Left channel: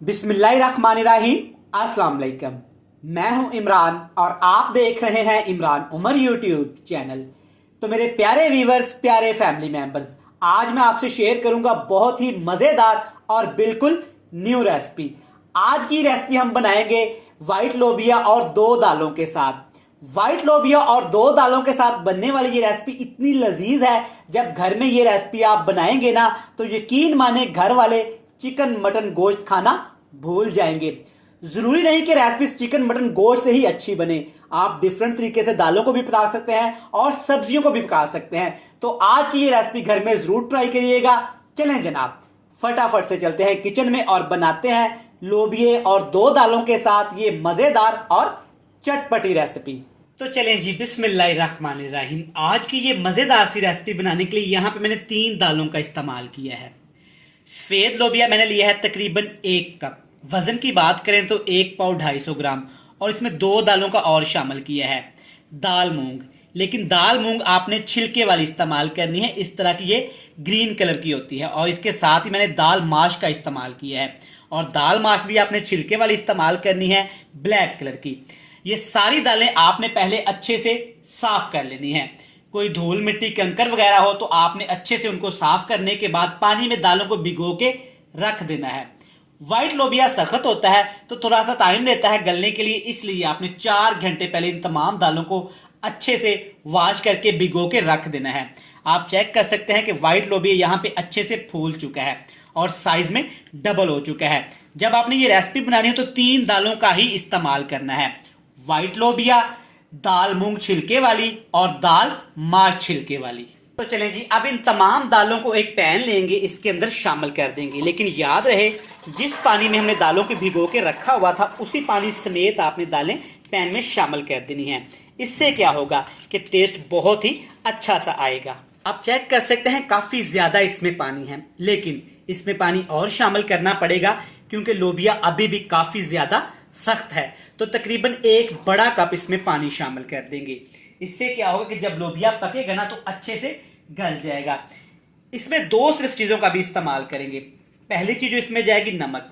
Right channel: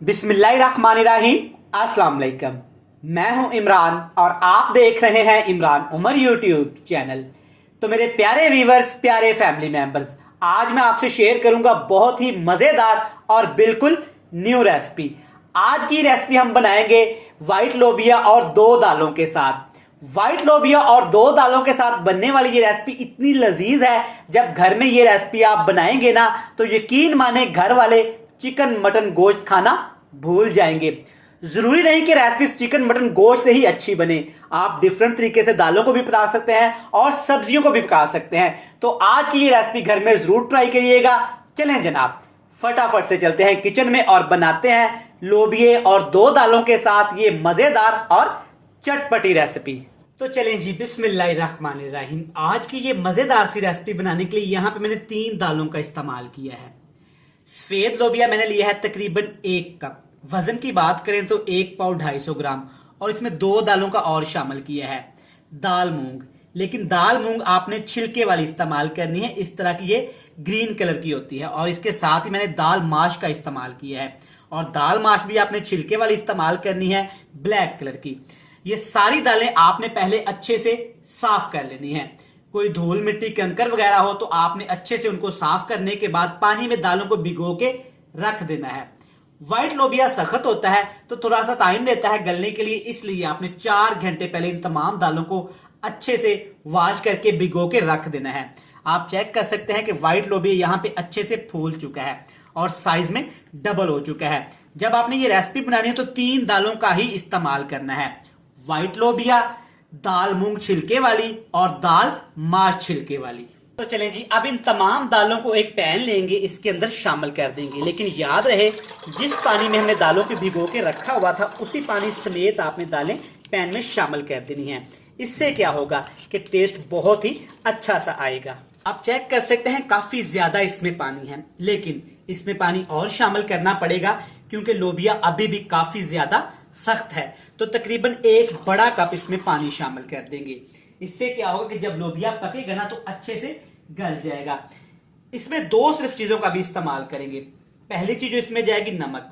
बिस्मिल्लाहिर्रहमानिर्रहीम। अस्सलाम वालेकुम। मैं हूं इमरान और आप देख रहे हैं इमरान उमर यूट्यूब चैनल। तो मेरे प्यारे व्यूवर्स, प्यारे फैमिली मेंबर्स, आज मैं आपसे शेयर करूंगा बहुत ही मज़ेदार और बिल्कुल न्यू रेसिपी। आज की रेसिपी हम बनाएंगे वाइट लोबिया और दो दालों के साथ। वाइट लोबिया और दो दालों के साथ बनने वाली ये रेसिपी इतनी लजीज है, जब घर में ये रेसिपी आप बनाएंगे ना तो यकीन माने घर वाले चिकन मटन गोश्त खाना भूल जाएंगे। जरूरी नहीं कि रेसिपी चिकन मटन गोश्त से ही अच्छी बने, आप डिफरेंट तरीके से दालों को भी पका सकते हैं और सब्जियों को भी पका सकते हैं। तो आज की ये रेसिपी घर में जरूर ट्राई करिएगा। चलें जनाब, फटाफट से चलते हैं किचन में और बनाते हैं लोबिये और दो दालों के साथ ये मजेदार और चटपटी रेसिपी। तो चलें जी, बिस्मिल्लाहिर्रहमानिर्रहीम। आज की ये मजेदार सी रेसिपी बनाने के लिए यहाँ पे मैंने 3 दालों का इस्तेमाल किया है। सफेद लोबिया मैंने लिया है तकरीबन 1 कप। वजन की बात करें तो 1 पाव 250 ग्राम, और इसमें 2 दालों का और शामिल किया है। दाल मूंग, लेकिन दाल मूंग आपने छिलके वाली इस्तेमाल करनी है, इस तरह की ये ग्रीन कलर की होती है। और इसके साथ ही मैंने दाल माश का इस्तेमाल किया है, और दाल माश भी आपने छिलके वाली इस्तेमाल करनी है, ब्लैक कलर की। ये सारी दालें आपने पहले अच्छे से साफ कर लेनी है। कोई धूल मिट्टी कंकर वगैरह हो तो आपने अच्छे से उनको साफ करने के बाद पानी में दालों को भिगो के रख देना है। व्हाइट लोबिया सख्त होता है तो थोड़ा सा टाइम लेता है गलने के लिए, इसलिए आपने 4 घंटे पहले इन तमाम दालों को अच्छे से वॉश करके भिगो के रख देना है। आप चेक कर सकते हैं कि व्हाइट लोबिया यहाँ पे अच्छे से फूल चुका है और साइज में डबल हो चुका है। जब आपने ये रेसिपी बनानी है तो 3 दालों का ही इस्तेमाल करना है, व्हाइट लोबिया, दाल मूंग छिलके वाली और दाल माश छिलके वाली। तो चलें जी, अब इन तमाम दालों को एक पैन लेंगे, इसके अंदर शामिल कर देंगे। लेकिन याद रहे, जिस पानी में हमने दालों को भिगो के रखा हुआ था उसी पानी समेत आपने दालें पैन में शामिल कर देनी है। इससे क्या होगा कि टेस्ट बहुत ही अच्छा सा आएगा। आप चेक कर सकते हैं काफी ज्यादा इसमें पानी है, लेकिन इसमें पानी और शामिल करना पड़ेगा क्योंकि लोबिया अभी भी काफी ज्यादा सख्त है। तो तकरीबन 1 बड़ा कप इसमें पानी शामिल कर देंगे। इससे क्या होगा कि जब लोबिया पकेगा ना तो अच्छे से गल जाएगा। इसमें सिर्फ चीजों का भी इस्तेमाल करेंगे। पहली चीज जो इसमें जाएगी नमक,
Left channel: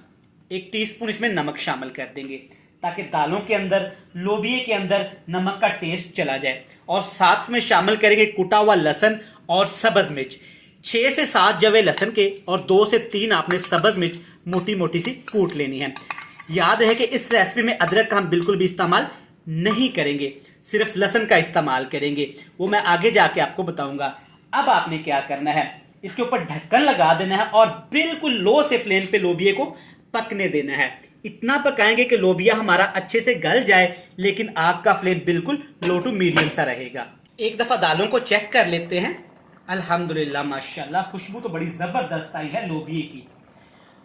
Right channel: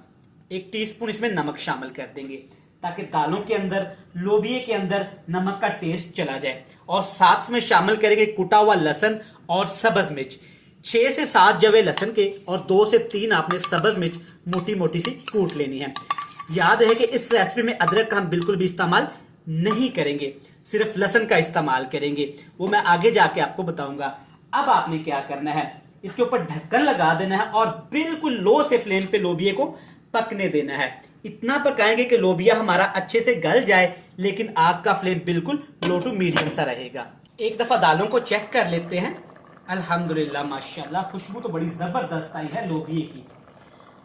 1 टीस्पून इसमें नमक शामिल कर देंगे ताकि दालों के अंदर, लोबिये के अंदर नमक का टेस्ट चला जाए। और साथ में शामिल करेंगे कुटा हुआ लहसुन और सब्ज मिर्च, 6 से 7 जवे लहसुन के, और 2 से 3 आपने सब्ज मिर्च मोटी मोटी सी कूट लेनी है। याद रहे कि इस रेसिपी में अदरक का हम बिल्कुल भी इस्तेमाल नहीं करेंगे, सिर्फ लहसुन का इस्तेमाल करेंगे, वो मैं आगे जाके आपको बताऊंगा। अब आपने क्या करना है, इसके ऊपर ढक्कन लगा देना है और बिल्कुल लो से फ्लेम पे लोबिया को पकने देना है। इतना पकाएंगे कि लोबिया हमारा अच्छे से गल जाए, लेकिन आग का फ्लेम बिल्कुल लो टू मीडियम सा रहेगा। एक दफा दालों को चेक कर लेते हैं। अल्हम्दुलिल्लाह, माशाल्लाह, खुशबू तो बड़ी जबरदस्त आई है लोबिये की।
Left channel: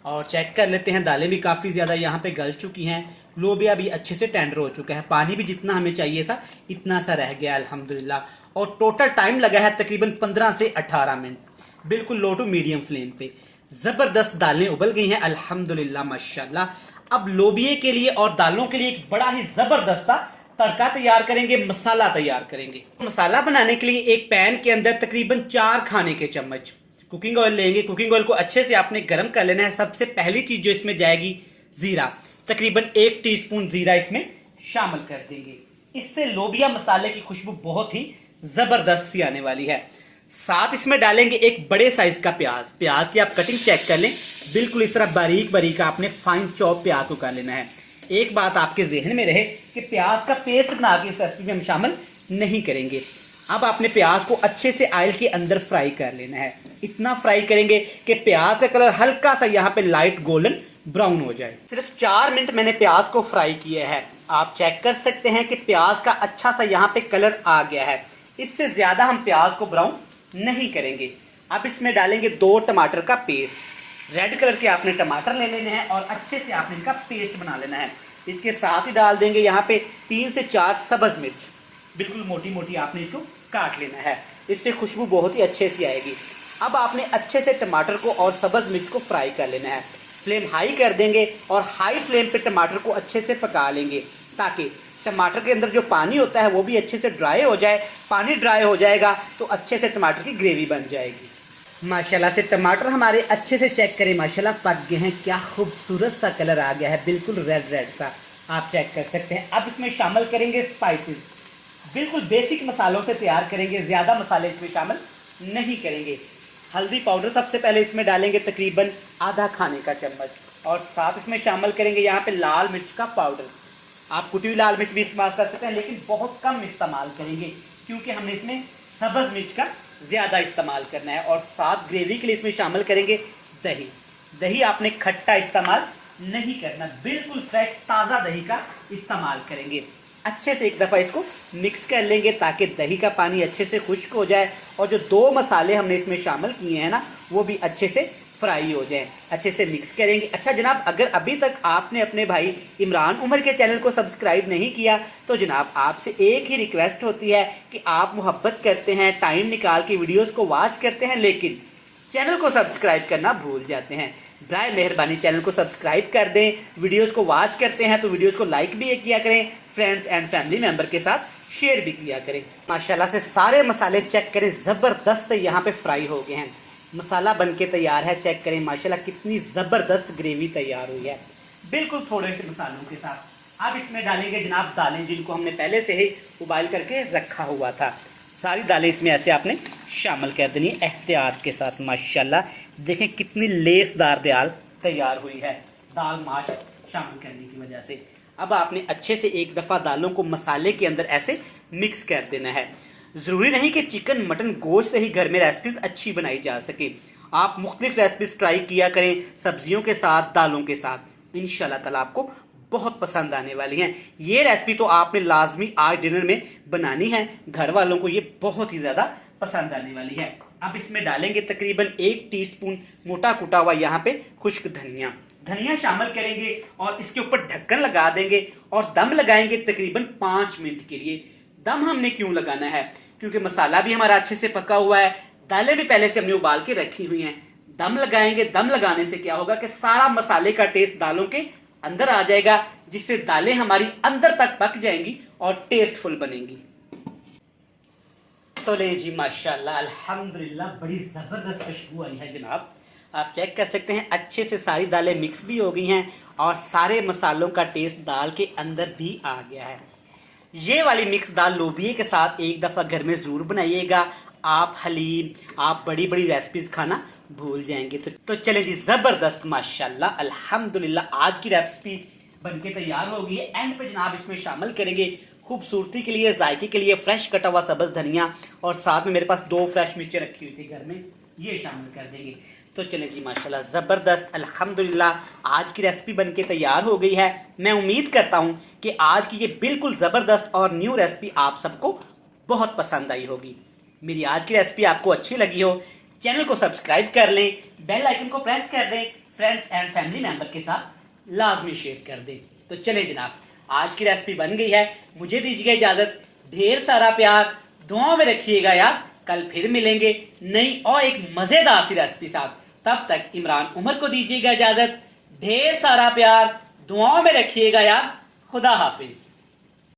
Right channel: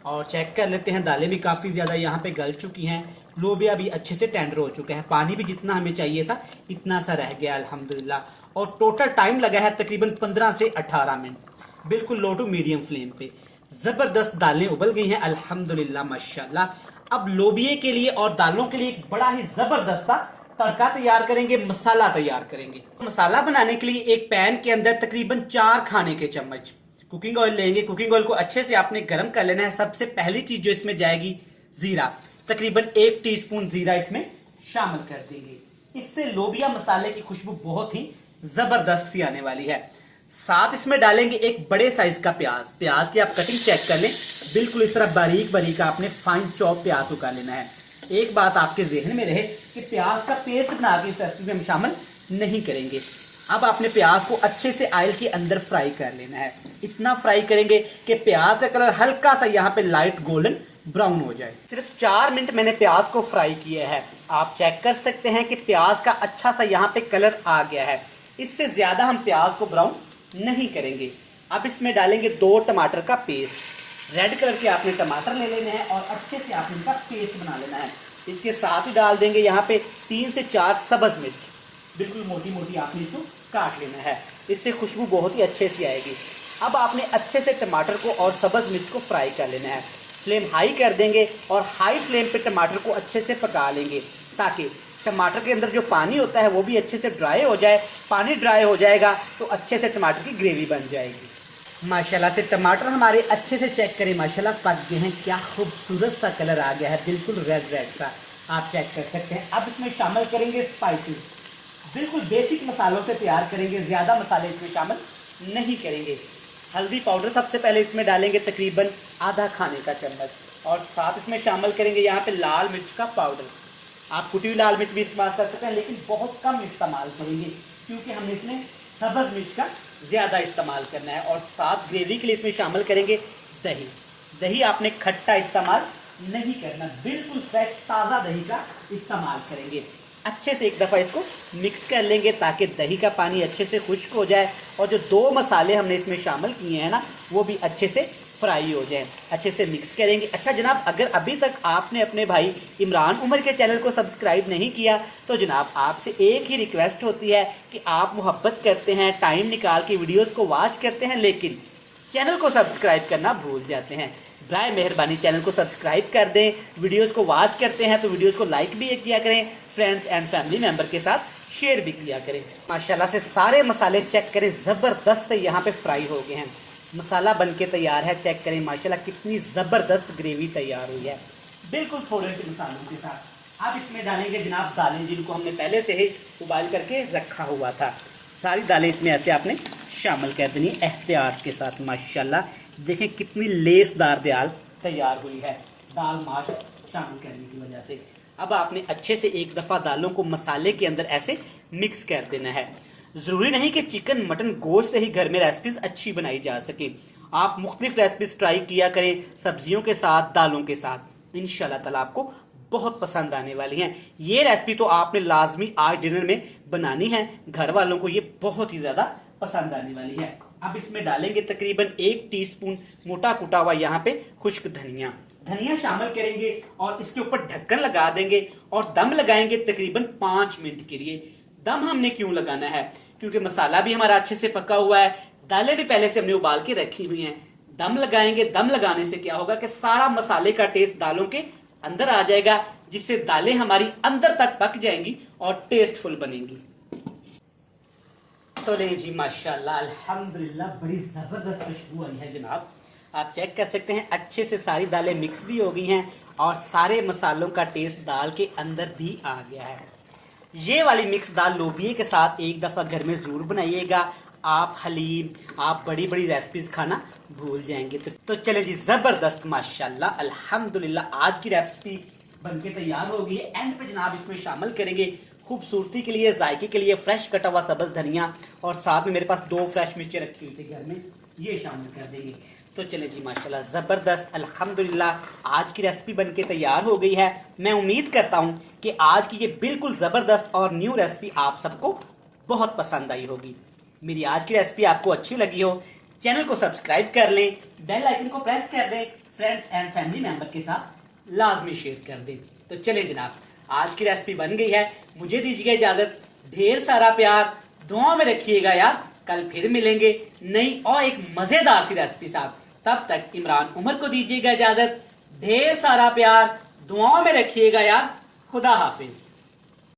और चेक कर लेते हैं, दालें भी काफ़ी ज़्यादा यहाँ पे गल चुकी हैं, लोबिया भी अच्छे से टेंडर हो चुका है, पानी भी जितना हमें चाहिए था इतना सा रह गया अल्हम्दुलिल्लाह। और टोटल टाइम लगा है तकरीबन 15 से 18 मिनट, बिल्कुल लो टू मीडियम फ्लेम पे। ज़बरदस्त दालें उबल गई हैं अल्हम्दुलिल्लाह, माशाल्लाह। अब लोबिये के लिए और दालों के लिए एक बड़ा ही ज़बरदस्त सा तड़का तैयार करेंगे, मसाला तैयार करेंगे। मसाला बनाने के लिए एक पैन के अंदर तकरीबन 4 खाने के चम्मच कुकिंग ऑयल लेंगे। कुकिंग ऑयल को अच्छे से आपने गर्म कर लेना है। सबसे पहली चीज जो इसमें जाएगी जीरा, तकरीबन 1 टीस्पून जीरा इसमें शामिल कर देंगे। इससे लोबिया मसाले की खुशबू बहुत ही जबरदस्त सी आने वाली है। साथ इसमें डालेंगे एक बड़े साइज का प्याज। प्याज की आप कटिंग चेक कर लें, बिल्कुल इस तरह बारीक बारीक आपने फाइन चॉप प्याज को कर लेना है। एक बात आपके जहन में रहे कि प्याज का पेस्ट बना के इस रेसिपी में हम शामिल नहीं करेंगे। अब आपने प्याज को अच्छे से ऑयल के अंदर फ्राई कर लेना है। इतना फ्राई करेंगे कि प्याज का कलर हल्का सा यहाँ पे लाइट गोल्डन ब्राउन हो जाए। सिर्फ 4 मिनट मैंने प्याज को फ्राई किया है। आप चेक कर सकते हैं कि प्याज का अच्छा सा यहाँ पे कलर आ गया है। इससे ज्यादा हम प्याज को ब्राउन नहीं करेंगे। अब इसमें डालेंगे 2 टमाटर का पेस्ट। रेड कलर के आपने टमाटर ले लेने हैं और अच्छे से आपने इनका पेस्ट बना लेना है। इसके साथ ही डाल देंगे यहाँ पे 3 से 4 सब्ज मिर्च, बिल्कुल मोटी मोटी आपने इसको काट लेना है। इससे खुशबू बहुत ही अच्छे से आएगी। अब आपने अच्छे से टमाटर को और सब्ज मिर्च को फ्राई कर लेना है। फ्लेम हाई कर देंगे और हाई फ्लेम पे टमाटर को अच्छे से पका लेंगे ताकि टमाटर के अंदर जो पानी होता है वो भी अच्छे से ड्राई हो जाए। पानी ड्राई हो जाएगा तो अच्छे से टमाटर की ग्रेवी बन जाएगी। माशाल्लाह से टमाटर हमारे अच्छे से चेक करें, माशाल्लाह पक गए हैं। क्या खूबसूरत सा कलर आ गया है, बिल्कुल रेड रेड सा, आप चेक कर सकते हैं। अब इसमें शामिल करेंगे स्पाइसेस, बिल्कुल बेसिक मसालों से तैयार करेंगे, ज़्यादा मसाले इसमें शामिल नहीं करेंगे। हल्दी पाउडर सबसे पहले इसमें डालेंगे तकरीबन आधा खाने का चम्मच, और साथ इसमें शामिल करेंगे यहाँ पे लाल मिर्च का पाउडर। आप कुटी हुई लाल मिर्च भी इस्तेमाल कर सकते हैं, लेकिन बहुत कम इस्तेमाल करेंगे क्योंकि हमने इसमें सब्ज़ मिर्च का ज़्यादा इस्तेमाल करना है। और साथ ग्रेवी के लिए इसमें शामिल करेंगे दही। दही आपने खट्टा इस्तेमाल नहीं करना, बिल्कुल फ्रेश ताज़ा दही का इस्तेमाल करेंगे। अच्छे से एक दफ़ा इसको मिक्स कर लेंगे ताकि दही का पानी अच्छे से खुश्क हो जाए और जो 2 मसाले हमने इसमें शामिल किए हैं ना, वो भी अच्छे से फ्राई हो जाए। अच्छे से मिक्स करेंगे। अच्छा जनाब, अगर अभी तक आपने अपने भाई इमरान उमर के चैनल को सब्सक्राइब नहीं किया तो जनाब आपसे एक ही रिक्वेस्ट होती है कि आप मोहब्बत करते हैं, टाइम निकाल के वीडियोस को वॉच करते हैं, लेकिन चैनल को सब्सक्राइब करना भूल जाते हैं। बराए मेहरबानी चैनल को सब्सक्राइब कर दें। वीडियोस को वॉच करते हैं तो वीडियोस को लाइक भी किया करें, फ्रेंड्स एंड फैमिली मेंबर के साथ शेयर भी किया करें। माशाल्लाह से सारे मसाले चेक करें, ज़बरदस्त यहाँ पे फ्राई हो गए हैं। मसाला बनके तैयार है, चेक करें माशाल्लाह कितनी ज़बरदस्त ग्रेवी तैयार हुई है, बिल्कुल थोड़े से मसालों के साथ। अब इसमें डालेंगे जनाब दालें, जिनको हमने पहले से ही उबाल करके रखा हुआ था। सारी दालें इसमें ऐसे आपने शामिल कर देनी एहतियात के साथ। माशाल्लाह देखें कितनी लेसदार दाल तैयार हुई है दाल माश शामिल करने की वजह से। अब आपने अच्छे से एक दफ़ा दालों को मसाले के अंदर ऐसे मिक्स कर देना है। ज़रूरी नहीं कि चिकन मटन गोश्त से ही घर में रेसिपीज़ अच्छी बनाई जा सके, आप मुख्तलिफ रेसिपीज़ ट्राई किया करें सब्जियों के साथ, दालों के साथ। इंशाल्लाह ताला आपको बहुत पसंद आने वाली हैं। ये रेसिपी तो आपने लाजमी आज डिनर में बनानी है, घर वालों को ये बहुत ही ज़्यादा पसंद आने वाली है। अब इसमें डालेंगे तकरीबन 1 टीस्पून मोटा कुटा हुआ यहाँ पे खुश्क धनिया शामिल करेंगे और इसके ऊपर ढक्कन लगा देंगे और दम लगाएंगे तकरीबन 5 मिनट के लिए। दम हमने क्यों लगाना है? क्योंकि मसाला भी हमारा अच्छे से पका हुआ है, दालें भी पहले से हमने उबाल के रखी हुई हैं। दम लगाएंगे, दम लगाने से क्या होगा कि सारा मसाले का टेस्ट दालों के अंदर आ जाएगा, जिससे दालें हमारी अंदर तक पक जाएंगी और टेस्टफुल बनेंगी। तो ले जी माशाल्लाह अल्हम्दुलिल्लाह बड़ी जबरदस्त खुशबू आई है जनाब, आप चेक कर सकते हैं। अच्छे से सारी दालें मिक्स भी हो गई हैं और सारे मसालों का टेस्ट दाल के अंदर भी आ गया है। ये वाली मिक्स दाल लोबिये के साथ एक दफ़ा घर में ज़रूर बनाइएगा, आप हलीम, आप बड़ी बड़ी रेसिपीज़ खाना भूल जाएंगे। तो चले जी, ज़बरदस्त माशाल्लाह अल्हम्दुलिल्लाह आज की रेसिपी बनके तैयार हो गई है। एंड पे जनाब इसमें शामिल करेंगे खूबसूरती के लिए, जायके के लिए फ्रेश कटा हुआ सब्ज़ धनिया, और साथ में मेरे पास 2 फ्रेश मिर्चें रखी हुई थी घर में, ये शामिल कर देंगे। तो चले जी माशाल्लाह ज़बरदस्त अल्हम्दुलिल्लाह आज की रेसिपी बनके तैयार हो गई है। मैं उम्मीद करता हूँ कि आज की ये बिल्कुल ज़बरदस्त और न्यू रेसिपी आप सबको बहुत पसंद आई होगी। मेरी आज की रेसिपी आपको अच्छी लगी हो, चैनल को सब्सक्राइब कर लें, बेल आइकन को प्रेस कर दें, फ्रेंड्स एंड फैमिली मेंबर के साथ लाजमी शेयर कर दें। तो चले जनाब, आज की रेसिपी बन गई है, मुझे दीजिएगा इजाज़त। ढेर सारा प्यार, दुआओं में रखिएगा यार। कल फिर मिलेंगे नई और एक मज़ेदार सी रेसिपी साथ। तब तक इमरान उमर को दीजिएगा इजाज़त। ढेर सारा प्यार, दुआओं में रखिएगा यार। खुदा हाफिज।